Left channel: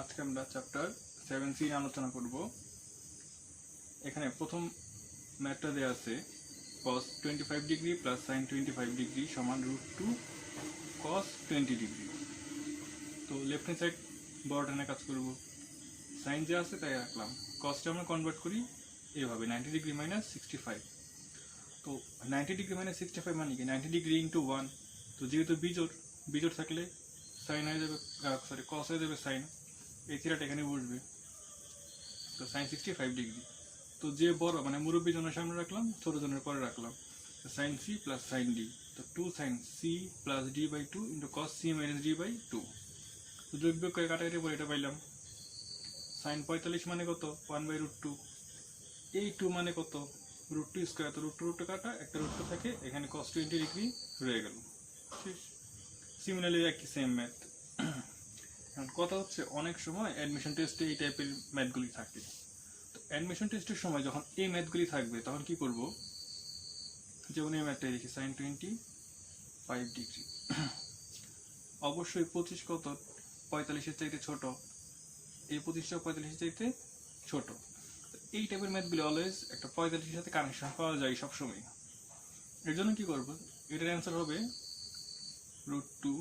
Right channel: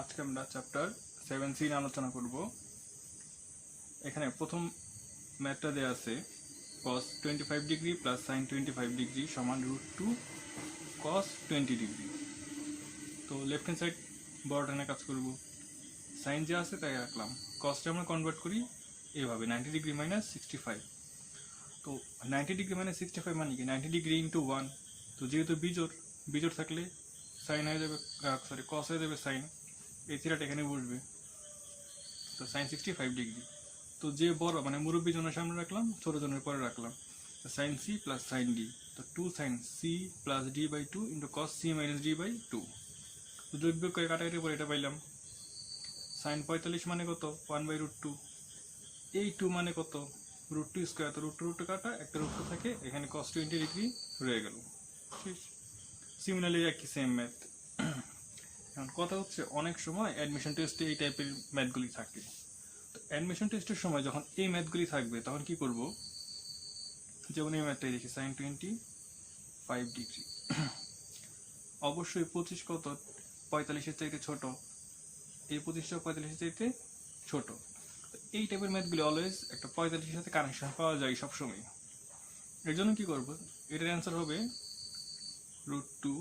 আজকে আমরা chapter 7C নিয়ে আলোচনা করব। এখানে প্রথম ম্যাথটা দেওয়া আছে cos 25 degree plus sin 25 degree সমান √2 cos 20 ডিগ্রি। তো লেফট হ্যান্ড সাইড বড়টা নিয়ে কাজ করব। সাইন যে আছে তাই রাখলাম, কসটা আমরা কনভার্ট করি এভাবে 90 ডিগ্রি মাইনাস 65। তো 90 ডিগ্রি মাইনাস 65 মানে কি 90 ডিগ্রি ইন্টু 1। তো যেহেতু বিজোড় থাকলে সাইন হয়ে যাবে, কস হয়ে যাবে সাইন, এই থিটাটা এখানে বসবে। তো সাইন 65 ডিগ্রি। তো যে বড় মানে মুরব্বী জনের সামনে রাখলাম, ছোট জনের পরে রাখলাম। Sine C plus sine D, তো 2 sine C plus D by 2 into cos C minus D by 2। তো যোগ বিয়োগ করে কাটাকাটি পরে এটা পাইলাম। সাইন 45 মানে কত 1/√2। এই 2 মানে কত √2 স্কোয়ার। তো √2 কাটা একটা √2 থাকে, এখানে cos 20 ডিগ্রি রয়ে গেল। ঠিক, সিমিলারলি একই সেম ম্যাথ। এখন কথা হচ্ছে অনেক সময় অ্যাডমিশন টেস্টে এই টাইপের ম্যাথগুলি থাকে। তো অ্যাডমিশন টেস্টের সময় যখন এই ম্যাথগুলি থাকবে তখন কি করব, যেমন এই ম্যাথটাই দেখি সাইন 25 ডিগ্রি। অবশ্যই 25 কত 45-এর চাইতে ছোট, এই 25টা 45-এর চাইতে ছোট। এই টাইপের ম্যাথগুলি অলওয়েজ একটা 45-এর সাথে কানেকশন পাওয়া যায় সবসময়। এর জন্য কি করব, এটার অ্যান্সার হবে √2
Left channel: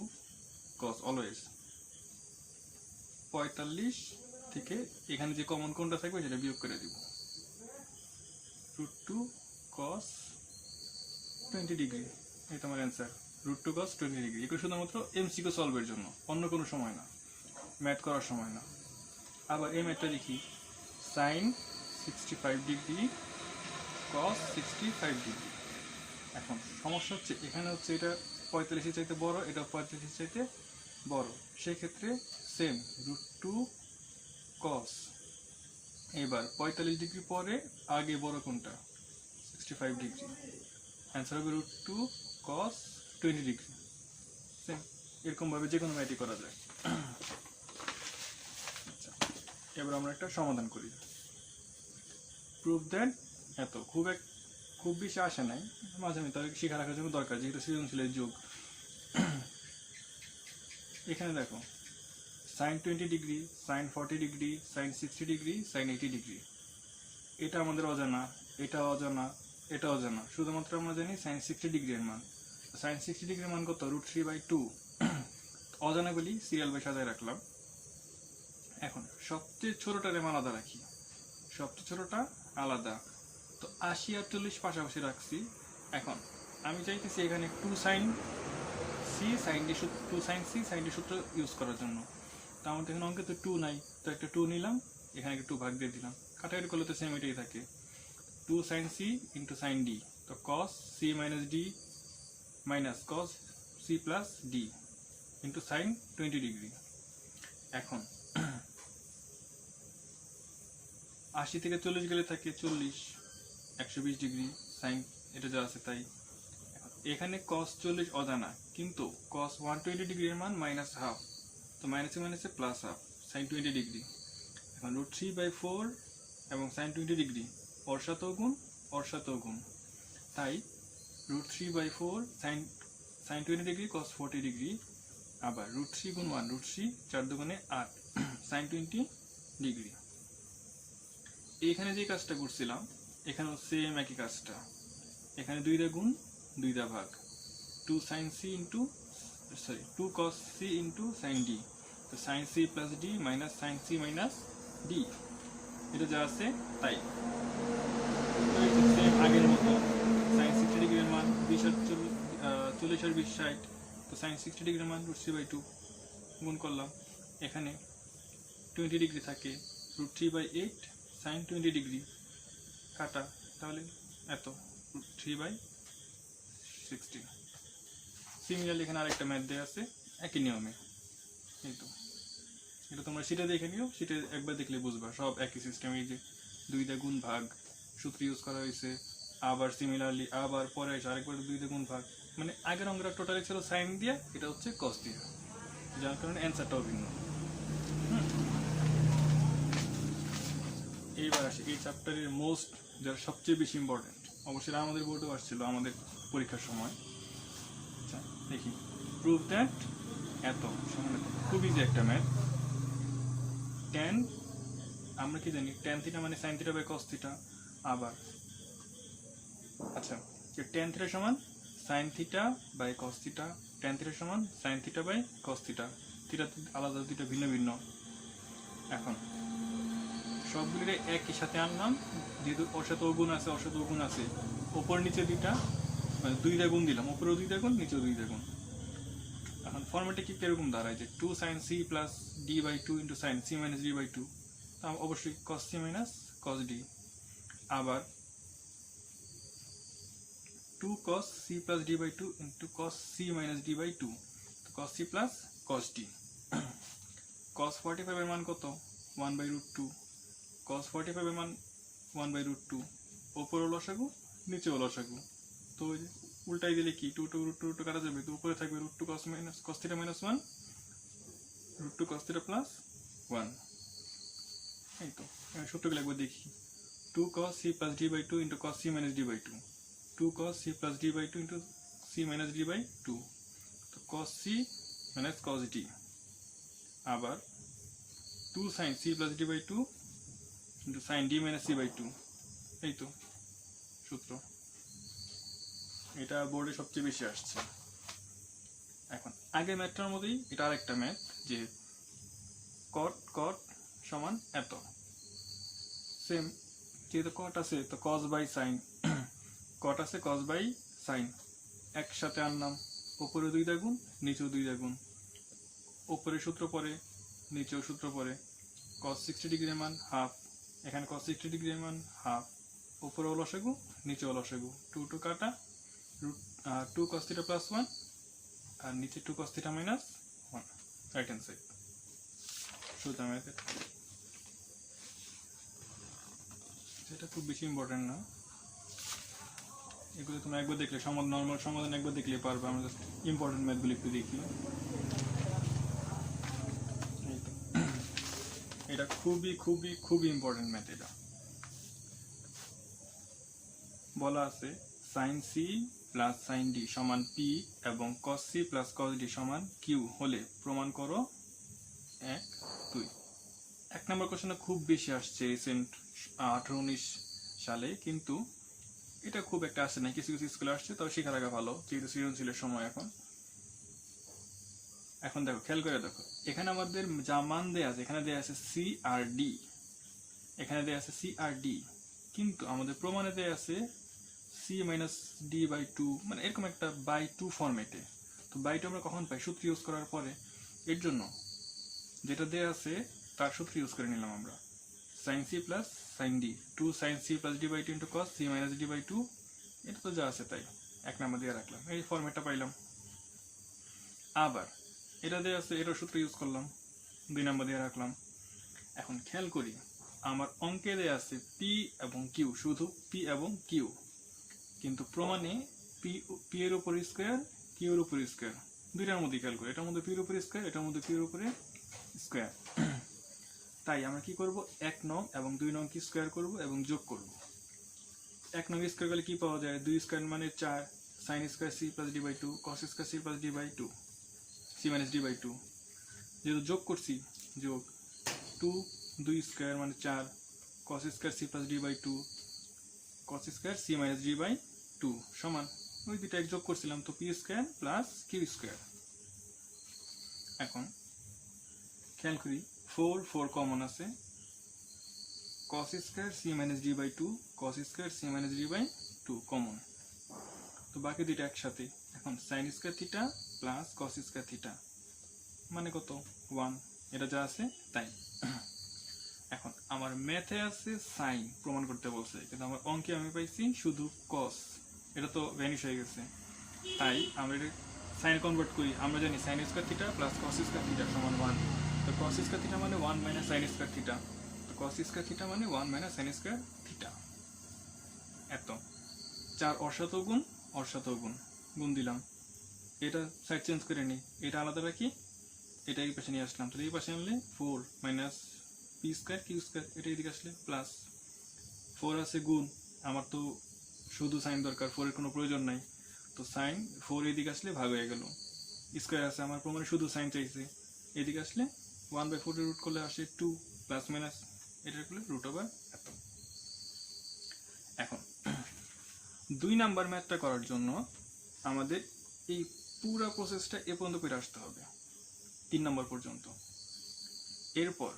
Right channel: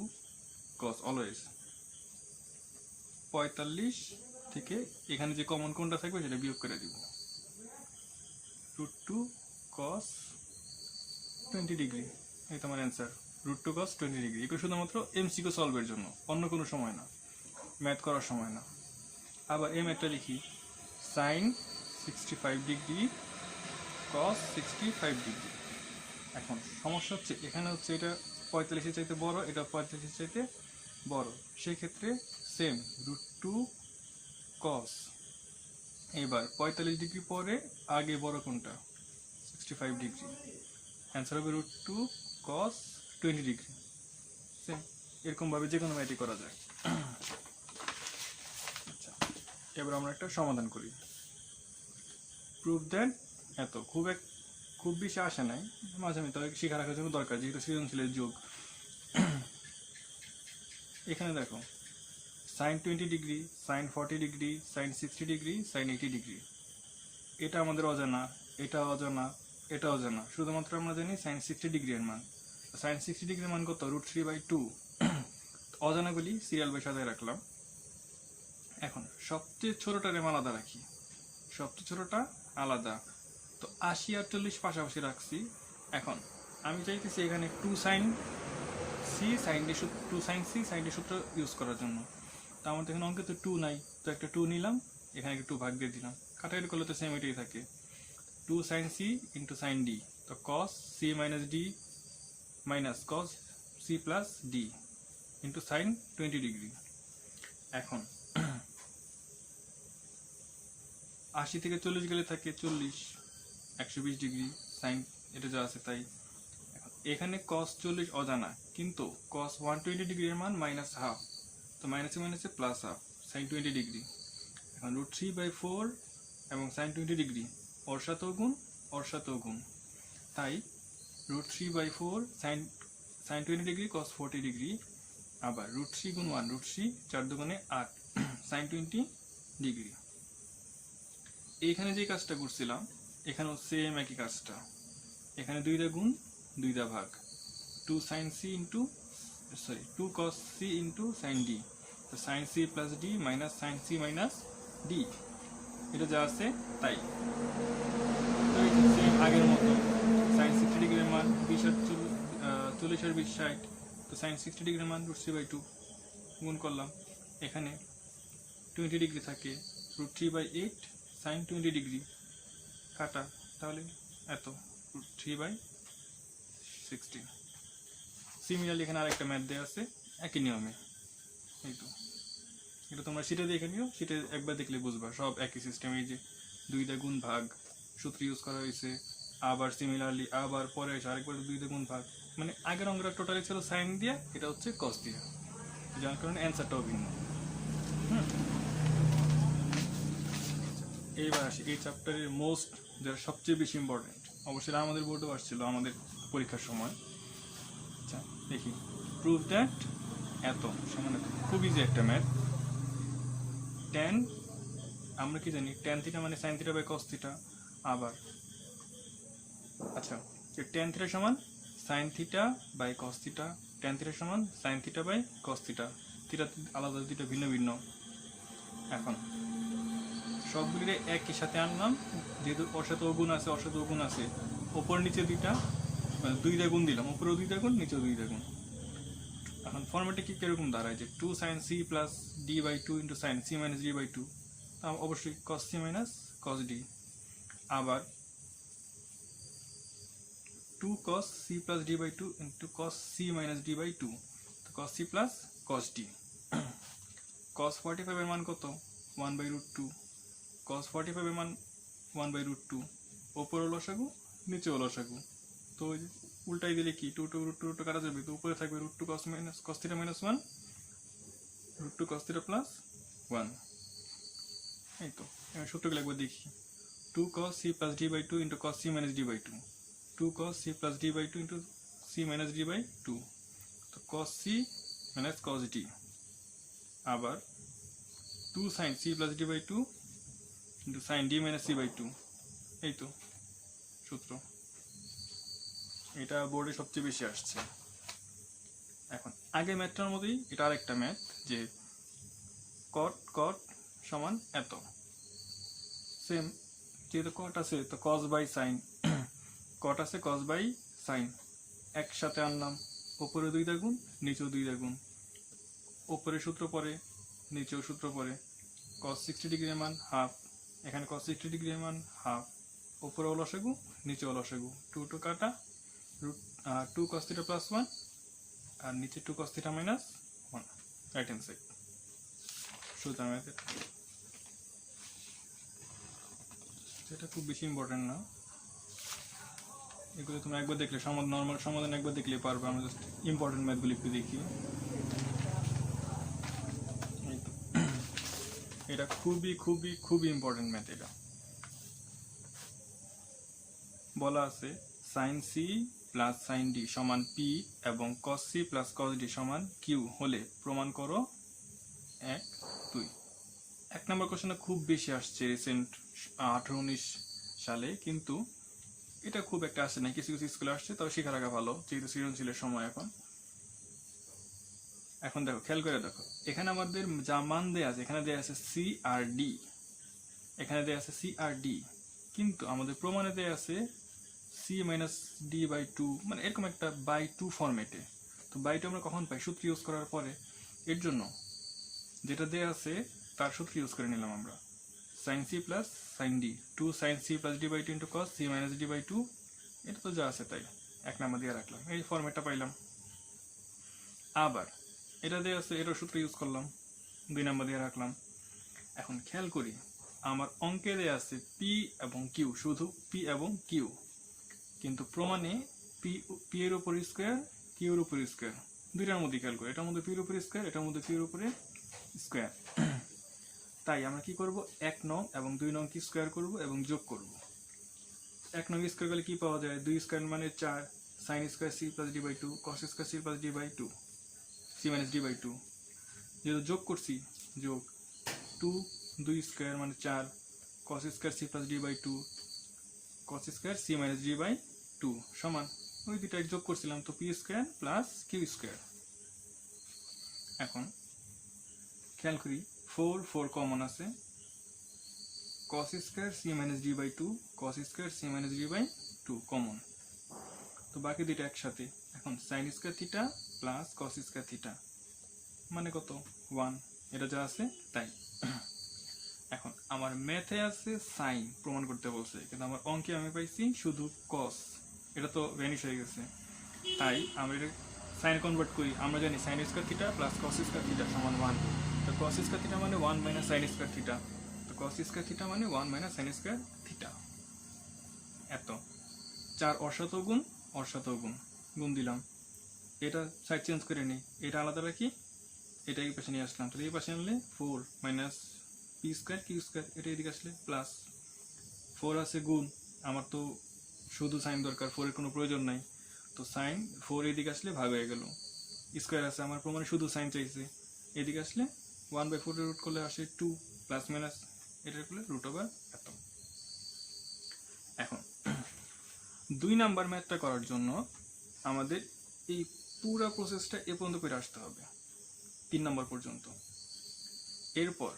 cos। অলওয়েজ 45 থেকে এখানে যে কমন কোনটা থাকবে সেটা বিয়োগ করে দিব। √2 cos 20 ডিগ্রি, এই তোমার অ্যান্সার √2 cos 20 ডিগ্রি। এটা শুধুমাত্র এমসিকিউ সলভের জন্য, অন্য কোনো সময় না, ম্যাথ করার সময় না। আবার এই ম্যাথটা দেখি সাইন 65 ডিগ্রি cos 65 ডিগ্রি। এখন সমস্যা হচ্ছে এখানে হচ্ছে এটা 45-এর চাইতে বড়, এটা 45-এর চাইতে বড়, সেক্ষেত্রে সেম √2 cos। এবার 45 ডিগ্রি পরে আগে বড় কোনটা 65 ডিগ্রি, অ্যান্সার হবে √2 cos 20 ডিগ্রি। সেম এরকম ভাবে যে কোনো ম্যাথই করা যায়। আচ্ছা, এবার আমরা একটা সমাধান করি। প্রুভ দ্যাট এত খুব বেশি আসে নাই, মাঝে মাঝে শিখা রাখার জন্য দরকার, যেহেতু সৃজনশীলের যুগ। এখানে দেখো sine 20 degree, sine 40 degree, sine 60 degree, sine 80 degree, এটা আমাদের অজানা, এটা অজানা, এটা অজানা। শুধুমাত্র আমরা জানি সাইন 60 ডিগ্রির মান। সাইন 60 ডিগ্রির মান কত √3/2। অজানাগুলি সিরিয়াল বাই সাজায় রাখলাম। এখন সবচেয়ে ছোটটার মান আলাদা রাখি, সবচেয়ে ছোটটা আলাদা। তো 80 আর 40 পাশাপাশি রাখছি। এখন আমি চাইতেছি এখানে 2 sine C sine D, 2 sine C sine D সূত্র ইউজ করার জন্য। তো আমাদের এখানে অঙ্কে তো 2 নাই, তো একটা 2 নিলাম, এখানে একটা 2 ভাগ দিয়ে দিলাম, কাটাকাটি করলে তো সেম এটাই থাকে। 2 sine C into sine D, তো cos C minus D minus cos C plus D into sine 20 degree. এখন 80 থেকে 40 গেলে থাকে 40, 120 ডিগ্রি সাইন, এটা যা আছে তাই। এখানে cos 40 অজানা, কিন্তু cos 120 ডিগ্রির মান -1/2, তো মাইনাসে মাইনাসে +1/2 সাইন 20 ডিগ্রি। এখন √3/4 এবং সাইন 20 ডিগ্রি ওর সাথেও গুণ, তাই √3/4 সাইন 20 ডিগ্রি cos 40 ডিগ্রি। আবার √3 গুণ 1 √3, 4 দুগুণে 8 সাইন 20 ডিগ্রি। এইখানে যে কাজটা করছিলাম এখানেও সেম একই কাজটা, এখানে 2 গুণ 2 ভাগ, 2 cos c into sine D, তো sine C plus D minus sine C minus D, এটা যা আছে তাই। আগের মতো সাইন 60 ডিগ্রির মান 40 আর 20 60, তো সাইন 60 ডিগ্রির মান √3/2 গুণ করলাম। এখানে 20 ডিগ্রি থাকে, √3/8 সাইন 20 ডিগ্রি কাটা, তাহলে এত √3/16। সিমিলারলি এখানে আরেকটা ম্যাথ দেওয়া আছে একই নিয়মে। এই তো এটা তোমরা সেটা দেখে নিও, সেটা একবার দেখলে বুঝবা সব একই সিস্টেম। এই যে 2 গুণ ভাগ সূত্র ইউজ করা হয়েছে, আবার সিমিলারলি আবার পরে এসে আরেকবার 2 গুণ ভাগ, মানে আগের অঙ্গটা টোটালি ছিল সাইন দিয়ে, এটা হচ্ছে কস দিয়ে, যার কারণে অ্যান্সারটাও ভিন্ন। এইবার আসি এই চ্যাপ্টারের মোস্ট, যারা সবচেয়ে বেশি ইম্পর্টেন্ট, অবশ্যই আমাদের বোর্ডেও আসছিল আমাদের পরীক্ষার সময়। আচ্ছা দেখি, প্রুভ দ্যাট এত সমান এত, খুব ইজি একটা ম্যাথ। ট্যান আমরা কি জানি ট্যান থিটা মানে sine theta by cos theta. আবার আচ্ছা, ট্যান থিটা সমান sine theta by cos theta, tan theta সমান sine theta by cos theta, theta আলাদা, থিটা ভিন্ন ভিন্ন। এখন সবগুলিরে একই সাথে আনলাম, যেহেতু অসাত গুণ আছে, অসাত গুণ আছে, ওপর নিচে দুইটা মানে দুইটা গুণ দিলাম, উপরেও দুইটা গুণ নিচেও দুইটা গুণ। এখন ফর্মেটে কি কিরকম দাঁড়ায় যে 2 sin c plus d by 2 into sine c minus d by 2, অবশ্যই cos c minus cos d। আবার 2 cos c plus d by 2 into cos c minus d by 2, তো cos c plus cos d। cos 45 এর মান কত? 1 by root 2। cos 45 এর মান 1 by root 2, উপরে লসাগু নিচে লসাগু, তো উল্টাই দিলে কি 2 2 root 2 কাটা যাবে, তো উপরে থাকবে root 2 cos minus cos theta minus 1 root 2 cos theta plus 1। এই তো এবার সূত্রগুলো একবার দেখি। 2 cos c plus d by 2 into cos c minus d by 2, 2 cos c plus d by 2 into c minus d by 2, তো cos c minus cos d। আবার 2 sin c plus d by 2 into sin d minus c by 2, এই তো সূত্র। এটা বোর্ডে সবচেয়ে বেশি আসছে। এখন আগে ম্যাথটার মধ্যেই এটা আরেকটা ম্যাথ, যে cot cot সমান এত, সেম যেহেতু cot আছে তো cos বাই sin, cot আছে cos বাই sin, একসাথে আনলাম, উপরে 2 গুণ নিচেও 2 গুণ, উপরে সূত্র পরে নিচেও সূত্র পরে, cos 60 ডিগ্রির মান হাফ, এখানে cos 60 ডিগ্রির মান হাফ, উপরে লসাগু নিচেও লসাগু, 2 2 কাটা, root 2 cos theta plus 1 আর নিচে 2 cos theta minus 1, right hand side. সোজা ম্যাথ, এটা খুব বেশি ইম্পর্টেন্ট না, এগুলো তোমরা একবার দেখলে নর্মাল সমাধান একবার দেখলে পারবে। আমরা জাস্ট ইম্পর্টেন্ট ম্যাথগুলো একটু দেখি। এই তো এটা খুবই খুবই খুবই ইম্পর্টেন্ট ম্যাথ। এটা বলা আছে sin c plus sin d সমান p এবং cos c plus cos d সমান q হলে প্রমাণ করো 1 2। এক নম্বর কোশ্চেনে খুব বেশি আসছে রিসেন্ট 18-19 সালে, কিন্তু এটা খুব একটা আসে না, কিছু কিছু স্কুলে আসছে, তবে শেখা রাখা ভালো যেহেতু সৃজনশীলের সময়। এখন দেখো, খেয়াল করে দেখো, এখানে আমাদের যা মান দেয়া আছে, এখানে দেয়া আছে c আর d, এখানে দেয়া আছে c আর d, কিন্তু আমাদের প্রমাণে দেয়া আছে c মাইনাস d বাই 2, মানে এরকম একটা বাই 2 ফরম্যাটে। তো বাই 2 আমরা কখন পাই? সূত্র ইউজ করার পরে। এর জন্য যেটা দেয়া আছে তার সূত্র ইউজ করে নিলাম আমরা, sin c plus sin d, 2 sin c plus d by 2 into cos c minus d by 2, এটা তো যা আছে তাই এক নাম্বার দিয়ে রাখলাম, এই ফরম্যাটটা পাইলাম। আবার এটা দেয়া আছে, এটার সূত্র ইউজ করলাম, 2 নাম্বার দিয়ে রাখলাম। এখন খেয়াল করি, আমার অঙ্কে দেয়া আছে p এবং q, শুধু p এবং q, কিন্তু প্রমাণে p এর উপর স্কয়ার q এর উপর স্কয়ার, দুইটার মধ্যে খেয়াল করি, এটার মধ্যে p এর উপর স্কয়ার, এটার মধ্যে q এর উপরে স্কয়ার। তাই আমরা কি করব, 1 নং এবং 2 নং কি স্কয়ার করব এবং যোগ করব। 1 নং স্কয়ার করলে কি পাওয়া যায়? 2 স্কয়ার মানে 4 sin square c plus d by 2 cos square c plus d by 2 c minus d by 2, যেহেতু যোগ করছি, যোগ 2 2 স্কয়ার মানে 4 cos square c plus d by 2 cos square c minus d by 2 সমান ওই দুটো এক যোগ করছিলাম, তো p square plus q square. এখন খেয়াল করি, 4 4 কমন আছে, cos square c minus d by 2 cos square c minus d by 2 common, তো বাকি দুটো একসাথে। এখন sin square theta plus cos square theta মানে কত? 1, এটা যা আছে তাই। এখন আমার ম্যাথে আছে sin প্রমাণ করতে বলছে, কিন্তু আমার অঙ্কে আমি পাইছি শুধু cos, এটা তো ভ্যানিশ হয়ে গেছে। তাই আমরা এটা sin কনভার্ট করি, আমরা জানি sin square theta plus cos square theta সমান 1, তো cos স্কয়ার থিটা মানে 1 মাইনাস sin স্কয়ার থিটা, তো cos স্কয়ার থিটা মানে 1 মাইনাস sin স্কয়ার থিটা। এত 4 অসাত গুণ গুণ দিলাম, এটা সাইড চেঞ্জ করে নিই, এটা আলাদা রাখি, এটা এই পাশে নিয়ে আসলাম, তো এই পাশে আনলে 4 minus p square q square, এটা এদিকে আসলে প্লাস 4 আছে গুণ, আমার তো শুধু সাইন দরকার, 4 এর কোনো প্রয়োজন নাই, তো সাইন 4 এদিকে আসলে ভাগ হয়ে গেল, স্কয়ার আছে আমার প্রমাণে শুধু সাইন চাইছে, এদিকে আসলে 1/4 রুট করলে আসে 2, প্লাস মাইনাস এটা করলে রুট ওভার এত। এখন 2 নাম্বার ম্যাথটা করার জন্য আমাদের এই পুরো প্রসেসটা এ পর্যন্ত করে আসতে হবে 3 নম্বর পর্যন্ত। এরপর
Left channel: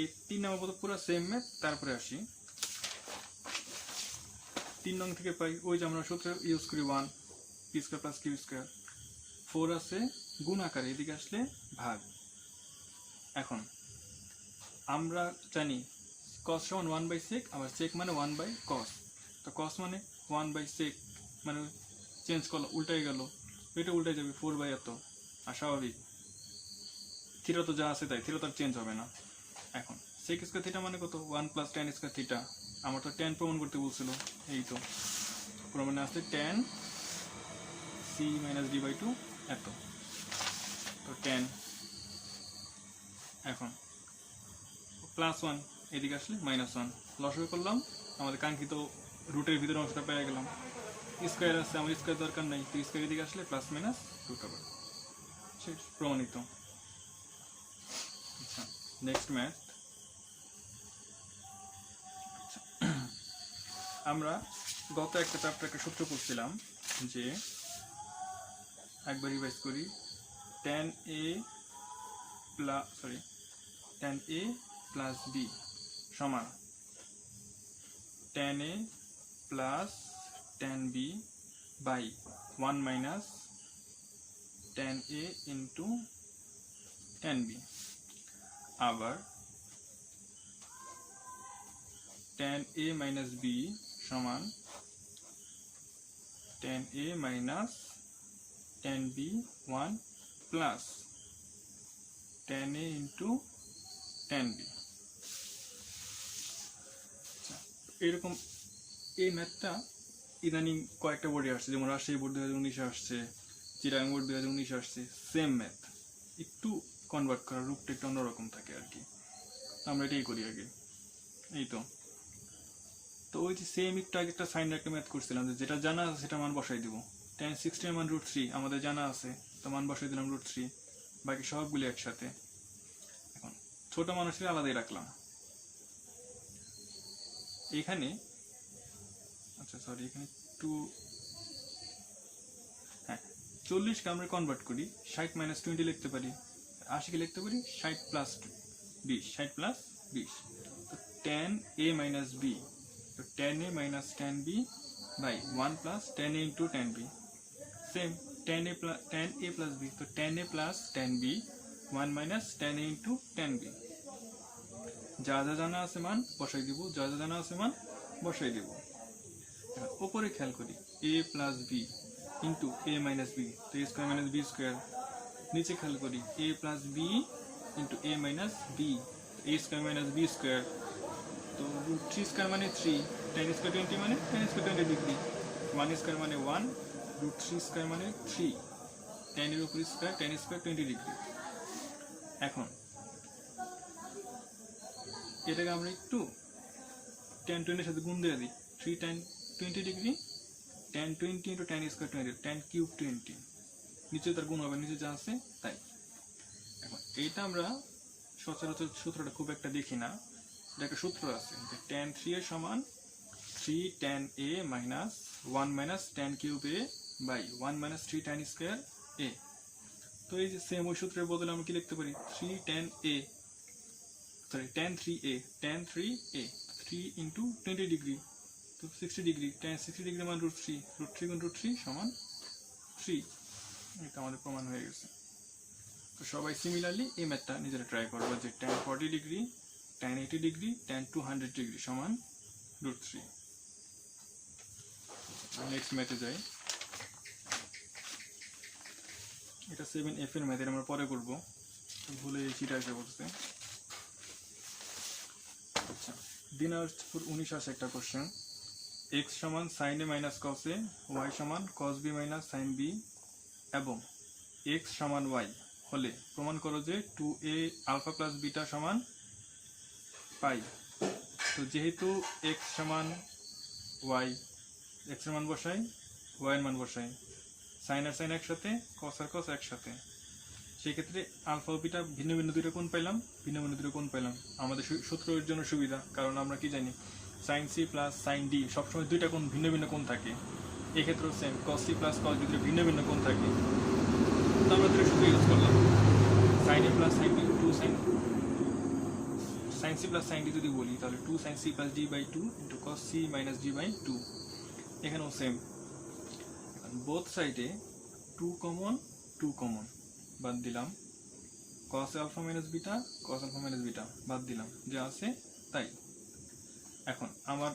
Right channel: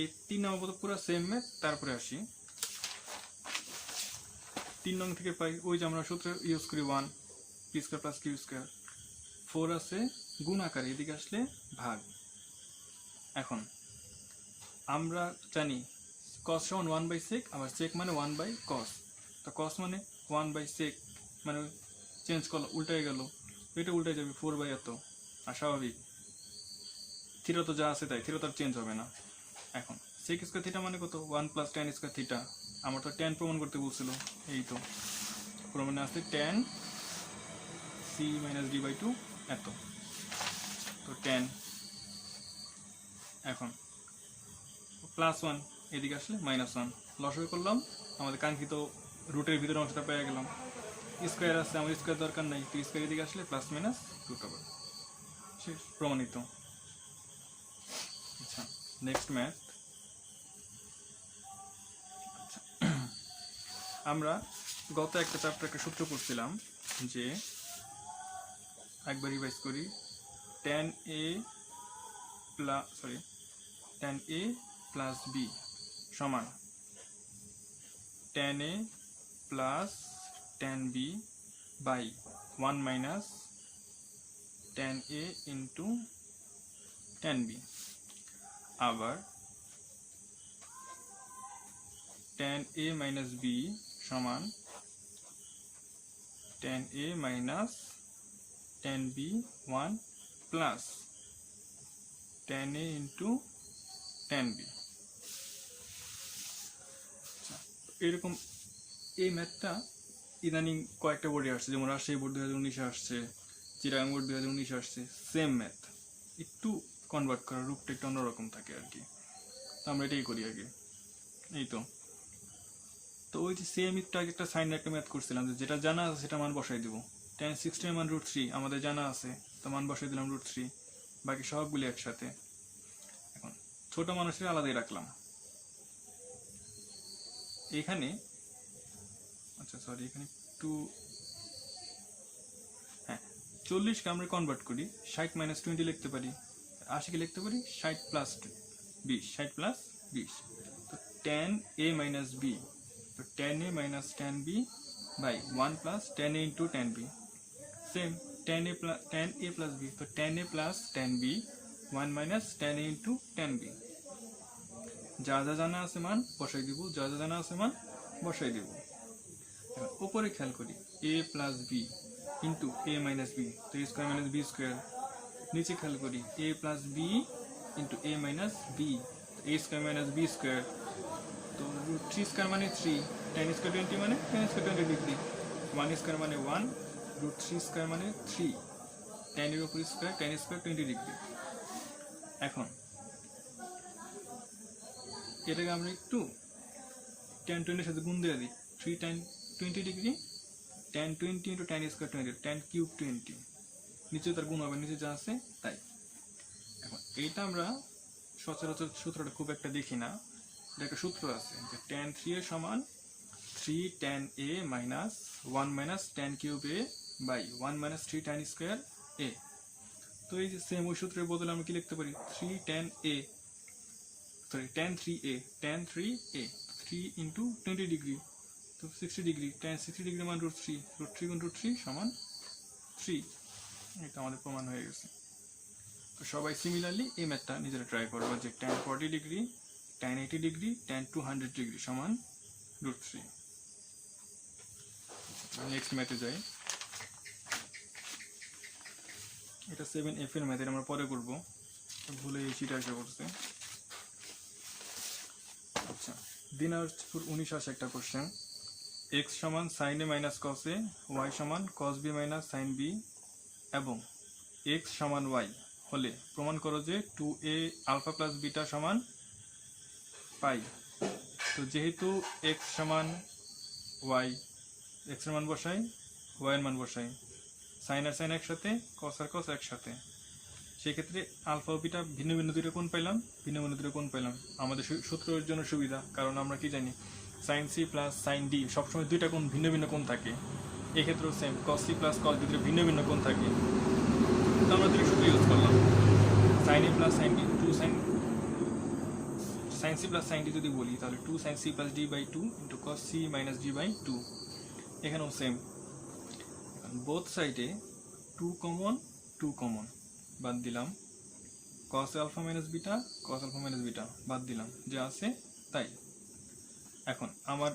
এই 3 নম্বর পর্যন্ত পুরো সেম ম্যাথ, তারপরে আসি 3 নং থেকে পাই ওই যে আমরা সূত্র ইউজ করি 1 P square plus Q square, 4 আছে গুণ আকারে, এদিকে আসলে ভাগ। এখন আমরা জানি cos সমান 1/sec, আবার sec মানে 1/cos, তো cos মানে 1/sec মানে চেঞ্জ করলো উল্টাই গেল, এটা উল্টে যাবে 4 এত, আর স্বাভাবিক থিটা তো যা আছে তাই, থিটা তো চেঞ্জ হবে না। এখন sec স্কয়ার থিটা মানে কত 1 + tan স্কয়ার থিটা, আমার তো tan প্রমাণ করতে বলছিল, এই তো প্রমাণে আছে tan c - d/2 এত, তো tan। এখন +1 এদিকে আসলে -1 লসাগু করলাম, আমাদের কাঙ্ক্ষিত রুটের ভিতরে অংশটা পেয়ে গেলাম। স্কয়ার আছে, আমার স্কয়ার দরকার নাই, তো স্কয়ার এদিকে আসলে প্লাস মাইনাস রুট ওভার, শেষ প্রমাণিত। আচ্ছা নেক্সট ম্যাথ। আচ্ছা আমরা গত একটা চ্যাপ্টার একটা সূত্র করছিলাম যে, একবার রিভাইজ করি, tan a + b সমান tan a plus tan b by 1 minus tan a into tan b, আবার tan a minus b সমান tan a minus tan b 1 plus tan a into tan b। এরকম এই ম্যাথটা ইদানিং কয়েকটা বোর্ডে আসছে, যেমন রাজশাহী বোর্ড 2019-এ আসছে, চিটাগাং বোর্ড 2019-এ আসছে, সেম ম্যাথ, একটু কনভার্ট করা, রূপটা একটু অন্যরকম থাকে আর কি, আমরা এটাই করি আগে। এই তো ওই যে সেম একটু আগে একটা সাইন একটা ম্যাথ করছিলাম, যেটা জানা আছে সেটা মান বসাই দিব। tan 60 এর মান √3 আমাদের জানা আছে, তো মান বসাই দিলাম √3, বাকি সবগুলি একসাথে। এখন ছোট মানুষের আলাদাই রাখলাম এখানে। আচ্ছা সরি, এখানে একটু, হ্যাঁ 40কে আমরা কনভার্ট করি, 60 - 20 লিখতে পারি, 80কে লিখতে পারি 60 + 20, 60 + 20, তো tan a minus b, তো tan a minus tan b by 1 plus tan a into tan b, same tan a plus b, তো tan a plus tan b 1 minus tan a into tan b, যা যা জানা আছে মান বসাই দিব, যা যা জানা আছে মান বসাই দিব। উপরে খেয়াল করি a plus b into a minus b, তো a square minus b square, নিচে খেয়াল করি a plus b into a minus b, a square minus b square, তো √3 স্কয়ার মানে 3, tan স্কয়ার 20 মানে tan স্কয়ার 20 ডিগ্রি, 1 স্কয়ার মানে 1, √3 square মানে 3, tan এর উপর স্কয়ার, tan স্কয়ার 20 ডিগ্রি। এখন এটাকে আমরা একটু tan 20 এর সাথে গুণ দিয়ে দিই, 3 tan 20 degree, tan 20 into tan square 20, tan cube 20, নিচে তার গুণ হবে, নিচে যা আছে তাই। এখন এইটা আমরা সচরাচর সূত্রটা খুব একটা দেখি না, এটা একটা সূত্র আছে যে tan 3 এর সমান 3 tan a minus 1 minus tan cube a by 1 minus 3 tan square a, তো এই যে সেম ওই সূত্রের বদলে আমরা কি লিখতে পারি 3 tan 3a, tan 3a 3 into 20 degree, তো 60 ডিগ্রি, tan 60 ডিগ্রি মান √3, √3 গুণ √3 সমান 3, এটা আমাদের প্রমাণ হয়ে গেছে। তো সবাই সিমিলারলি এই ম্যাথটা নিজেরা ট্রাই করবো, যে tan 40 degree, tan 80 degree, tan 200 degree সমান √3। নেক্সট ম্যাথে যাই, এটা 7f এর ম্যাথ, আমরা পরে করবো, ভুলে এই চিটা এসে পড়ছে। আচ্ছা দিনাজপুর 19 আসে একটা কোশ্চেন, x সমান sin a minus cos a, y সমান cos b minus sin b এবং x সমান y হলে প্রমাণ করো যে 2a আলফা প্লাস বিটা সমান পাই। তো যেহেতু x সমান y, x এর মান বসাই, y এর মান বসাই, sin আর sin একসাথে, cos আর cos একসাথে, সেক্ষেত্রে আলফা ও বিটা ভিন্ন ভিন্ন দুটো কোণ পাইলাম, ভিন্ন ভিন্ন দুটো কোণ পাইলাম। আমাদের সূত্রের জন্য সুবিধা, কারণ আমরা কি জানি sine C plus sine D সবসময় দুইটা কোণ ভিন্ন ভিন্ন কোণ থাকে। এক্ষেত্রেও same, cos C plus cos D ভিন্ন ভিন্ন কোণ থাকে। তো আমরা দুটো সূত্র ইউজ করলাম, sine A plus sine D, two sine C plus sine D যদি বলি তাহলে two sine C plus D by two into cos C minus D by two. এখানেও সেম, বোথ সাইডে টু কমন বাদ দিলাম, cos alpha minus beta cos alpha minus beta বাদ দিলাম, যা আছে তাই। এখন আমার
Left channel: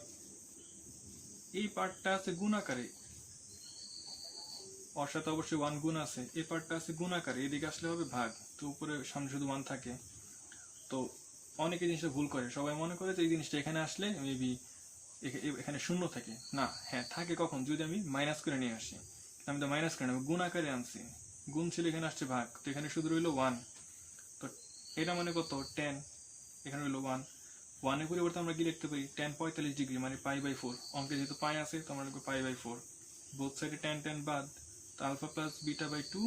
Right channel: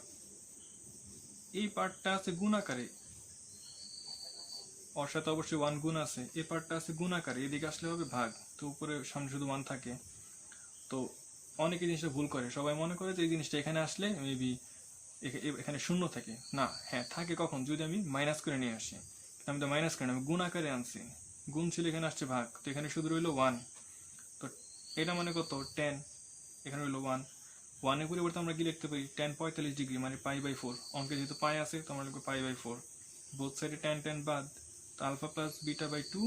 এই পার্টটা আছে গুণ আকারে, ওর সাথে অবশ্যই 1 গুণ আছে, এই পার্টটা আছে গুণ আকারে, এদিকে আসলে হবে ভাগ। তো উপরে সামনে শুধু 1 থাকে। তো অনেকে জিনিসটা ভুল করে, সবাই মনে করে যে এই জিনিসটা এখানে আসলে মেবি এখানে শূন্য থাকে না। হ্যাঁ থাকে, কখন? যদি আমি মাইনাস করে নিয়ে আসি। আমি তো মাইনাস করে গুণ আকারে আনছি, গুণ ছিল এখানে আসছে ভাগ, তো এখানে শুধু রইল 1। তো এটা মানে কত? 10, এখানে রইল 1। 1 এর পরিবর্তে আমরা কি লিখতে পারি? tan 45 ডিগ্রি মানে পাই বাই 4। অঙ্কে যেহেতু পাই আছে তো আমরা লিখব পাই বাই 4। বোথ সাইডে tan বাদ, তো alpha plus beta by 2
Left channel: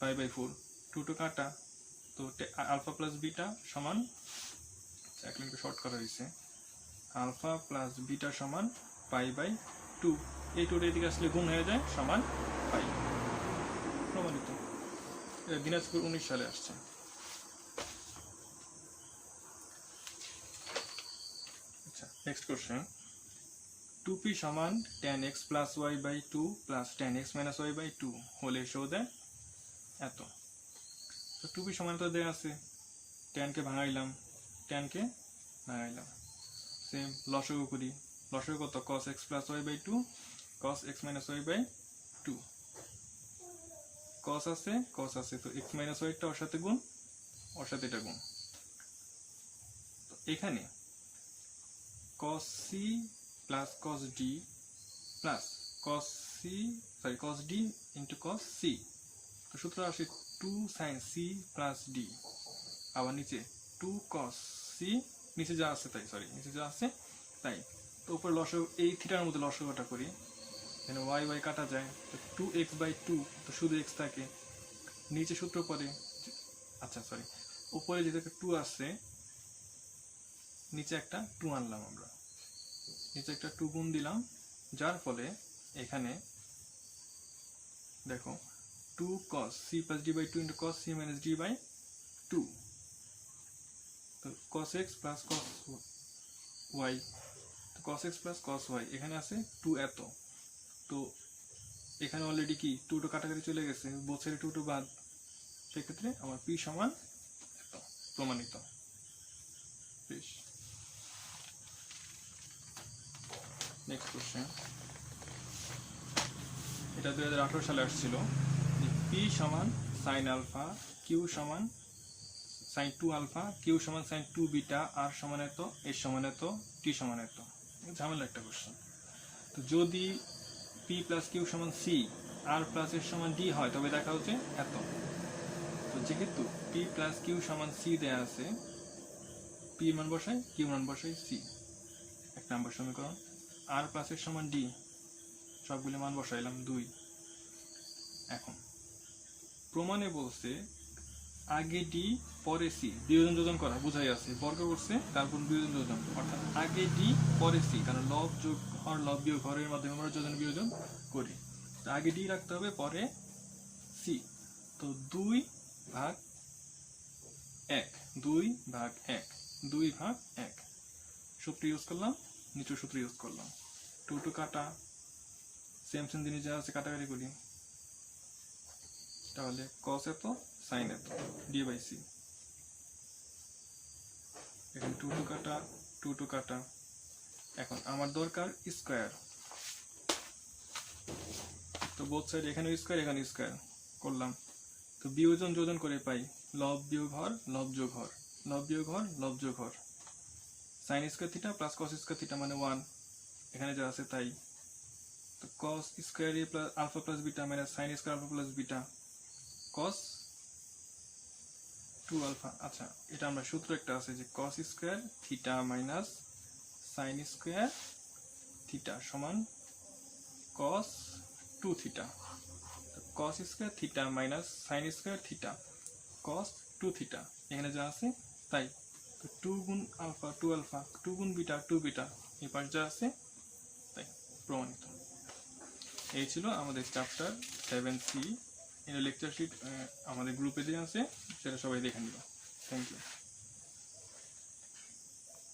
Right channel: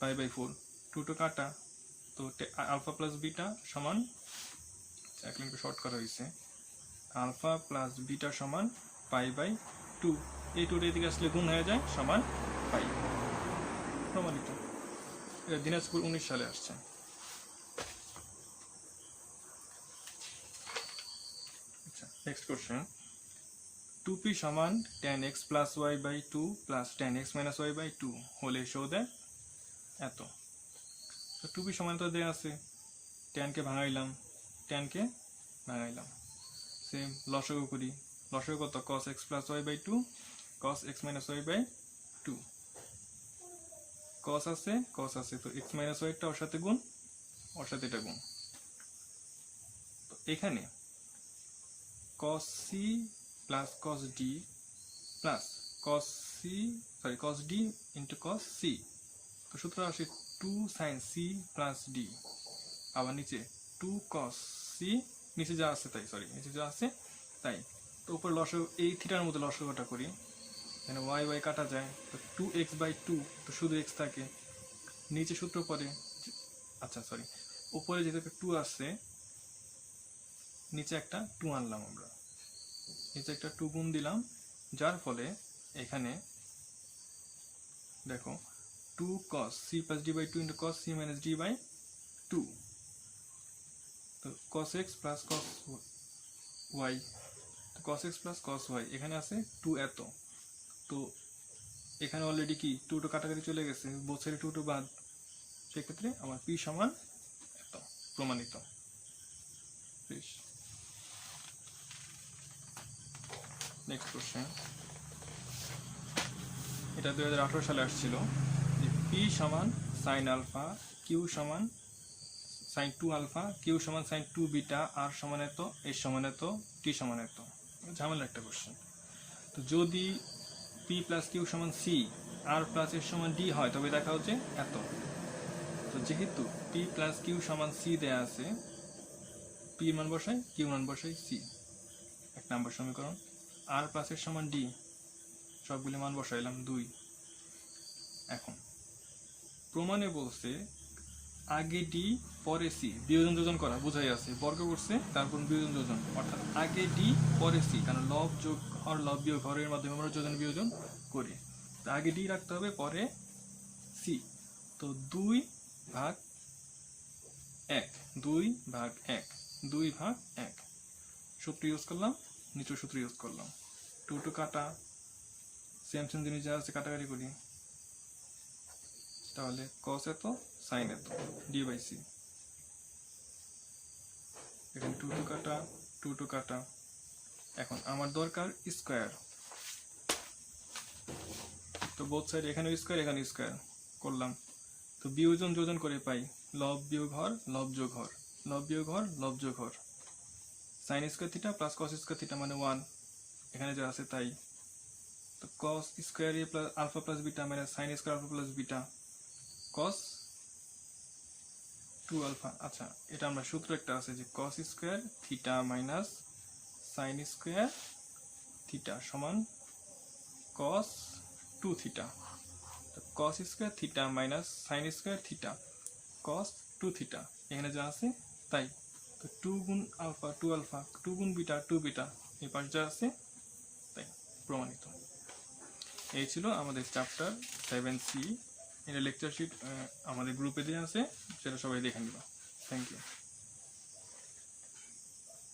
pi by 4, 2 to কাটা। তো আলফা প্লাস বিটা সমান, এক লিঙ্কে শর্ট করা হয়েছে, আলফা প্লাস বিটা সমান পাই বাই 2। এই 2 এদিকে আসলে গুণ হয়ে যায়, সমান পাই। প্রমাণিত। এটা দিনাজপুর 19 সালে আসছে। আচ্ছা, নেক্সট কোশ্চেন। 2p সমান tan x plus y by 2 plus tan x minus y by 2 হলে শো দেয় এত। তো 2p সমান তো দেয়া আছে, tan কে ভাঙাইলাম, সেম লসাগু করি। লসাগু কত? cos x plus y by 2 cos x minus y by 2। cos আছে তো x মাইনাস y একটা ওর সাথে গুণ, ওর সাথে এটা গুণ। তো এখানে cos c plus cos d plus cos d into cos c। তো সূত্র আসে 2 sin c প্লাস d, আবার নিচে 2 cos c, নিচে যা আছে তাই। তো উপরে লসাগু, এই থিটার মধ্যে লসাগুটা করি, এখানে y কাটা যায়, তো 2x বাই 2, তো শুধু x থাকে। নিচে সূত্র পরে, আচ্ছা সরি, উপরে যেহেতু 2 আছে, নিচে একটা 2 আনলাম আমরা, নিচে একটা 2 গুণ দিলাম, যার ফলে এখানে দেখো 2 cos c plus d by 2 into cos c minus d by 2, তো cos x plus cos y, তো cos x plus cos y এখানে আছে 2 এত। তো এখানে অলরেডি কি 2 to কাটাকাটি চলে গেছে, বোথ সাইডে 2 to বাদ, সেক্ষেত্রে আমার p সমান এত। প্রমাণিত। Next question. এটা 2018 সালে আসছিল, যে p সমান sin আলফা, q সমান sin 2 আলফা, q সমান sin 2 বিটা, r সমান এত, s সমান এত, t সমান এত। ঝামেলা একটা কোশ্চেন। তো যদি p প্লাস q সমান c, r প্লাস s সমান d হয়, তবে দেখা হচ্ছে এত। তো যেহেতু p প্লাস q সমান c দেয়া আছে, p মান বসাই, q মান বসাই c, 1 নাম্বার সমীকরণ। r প্লাস s সমান d, সবগুলো মান বসাইলাম 2। এখন প্রমাণে বলছে আগে ডি পরে সি, বিয়োজন যোজন করা বোঝাই আছে, বর্গ করছে তারপর বিয়োজন যোজন, অর্থাৎ আগে ডি পরে সি, কারণ লব যোগ হর লব বিয়োগ হরের মাধ্যমে আমরা যোজন বিয়োজন করি। তো আগে ডি রাখতে হবে, পরে সি। তো 2 ভাগ 1, 2 ভাগ 1 সূত্র ইউজ করলাম, নিচের সূত্র ইউজ করলাম। 2 to কাটা, সেম জিনিস যা আছে কাটাকাটি করি, তাহলে cos এত sin এত d বাই c। এখন 2 to কাটা। এখন আমার দরকার স্কয়ার, তো বোথ সাইড এখানে স্কয়ার, এখানে স্কয়ার করলাম। তো বিয়োজন যোজন করে পাই লব বিয়োগ হর, লব যোগ হর, লব বিয়োগ হর, লব যোগ হর। sin square theta plus cos square theta মানে 1, এখানে যা আছে তাই। তো cos square a plus alpha plus beta মানে sin square alpha plus beta cos 2 alpha. আচ্ছা, এটা আমরা সূত্র একটা আছে যে cos square theta minus sin square theta সমান cos 2 থিটা। তো cos square theta minus sin square theta, cos 2 theta, এখানে যা আছে তাই। তো 2 গুণ আলফা 2 আলফা, 2 গুণ বিটা 2 বিটা, এই পাশ যা আছে তাই, প্রমাণিত। এই ছিল আমাদের চ্যাপ্টার 7C। এর লেকচার শিট আমাদের গ্রুপে দেওয়া আছে, সেটা সবাই দেখে নিবা। Thank you.